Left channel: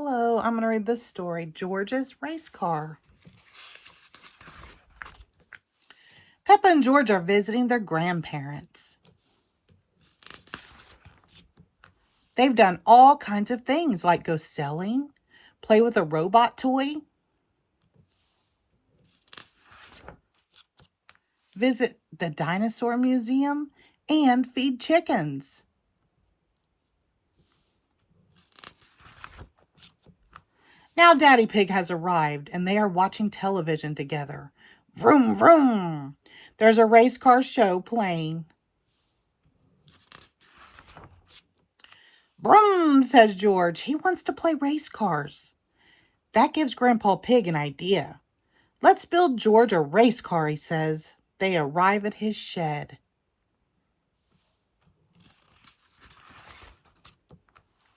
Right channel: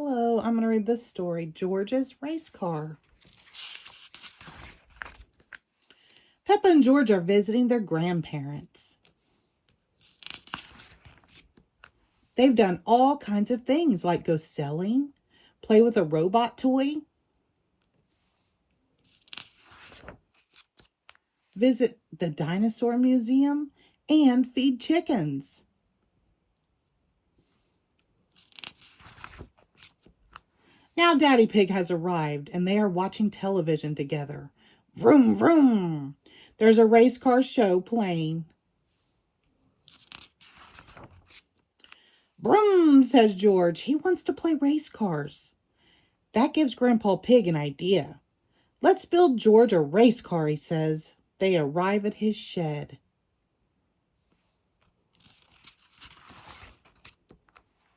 Hello, I'm going to read this story, George's Race Car. Peppa and George are visiting their grandparents. They've done all kinds of things like go sailing, play with a robot toy, visit the dinosaur museum, and feed chickens. Now Daddy Pig has arrived and they are watching television together. Vroom, vroom. There's a race car show playing. Vroom, says George. He wants to play race cars. That gives Grandpa Pig an idea. Let's build George a race car, he says. They arrive at his shed.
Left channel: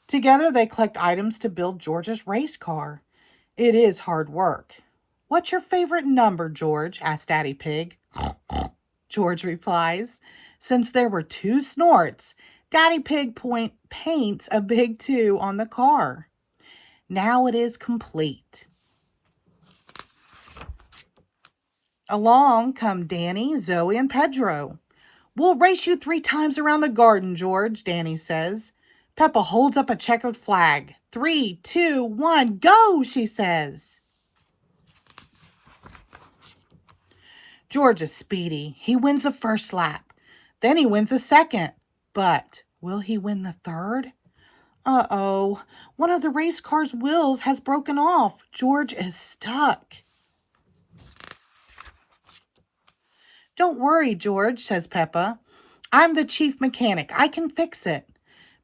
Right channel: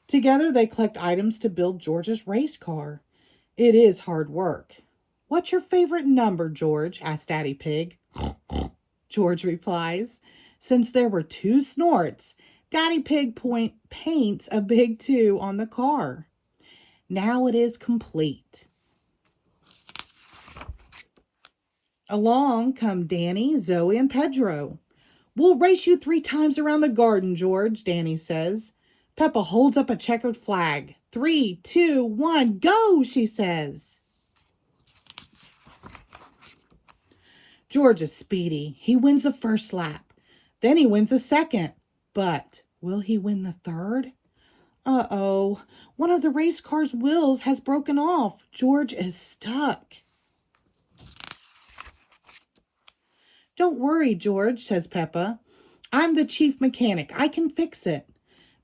Together they collect items to build George's race car. It is hard work. What's your favorite number, George? Asked Daddy Pig. George replies. Since there were 2 snorts, Daddy Pig paints a big 2 on the car. Now it is complete. Along come Danny, Zoe, and Pedro. We'll race you 3 times around the garden, George, Danny says. Peppa holds up a checkered flag. 3, 2, 1, go, she says. George is speedy. He wins the first lap. Then he wins the second. But will he win the third? Uh-oh. One of the race car's wheels has broken off. George is stuck. Don't worry, George, says Peppa. I'm the chief mechanic. I can fix it.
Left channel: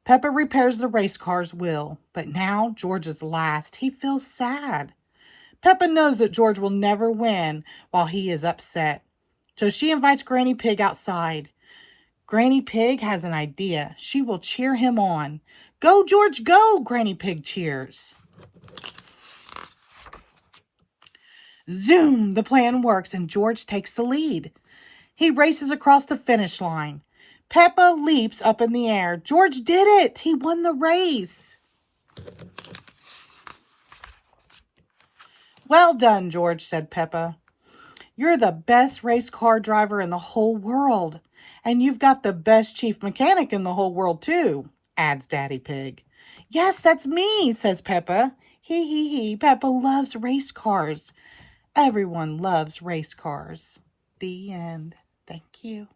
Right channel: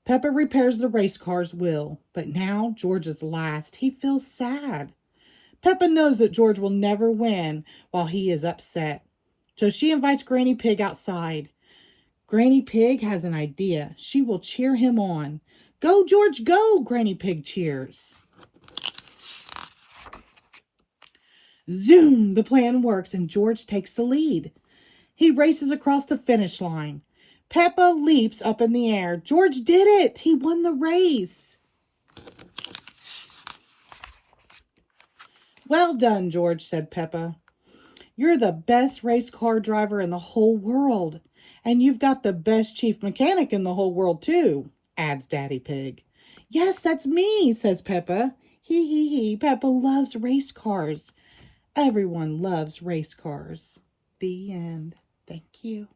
Peppa repairs the race car's wheel. But now George is last. He feels sad. Peppa knows that George will never win while he is upset. So she invites Granny Pig outside. Granny Pig has an idea. She will cheer him on. Go, George, go, Granny Pig cheers. Zoom! The plan works and George takes the lead. He races across the finish line. Peppa leaps up in the air. George did it! He won the race. Well done, George, said Peppa. You're the best race car driver in the whole world. And you've got the best chief mechanic in the whole world, too, adds Daddy Pig. Yes, that's me, says Peppa. Hee. Peppa loves race cars. Everyone loves race cars. The end. Thank you.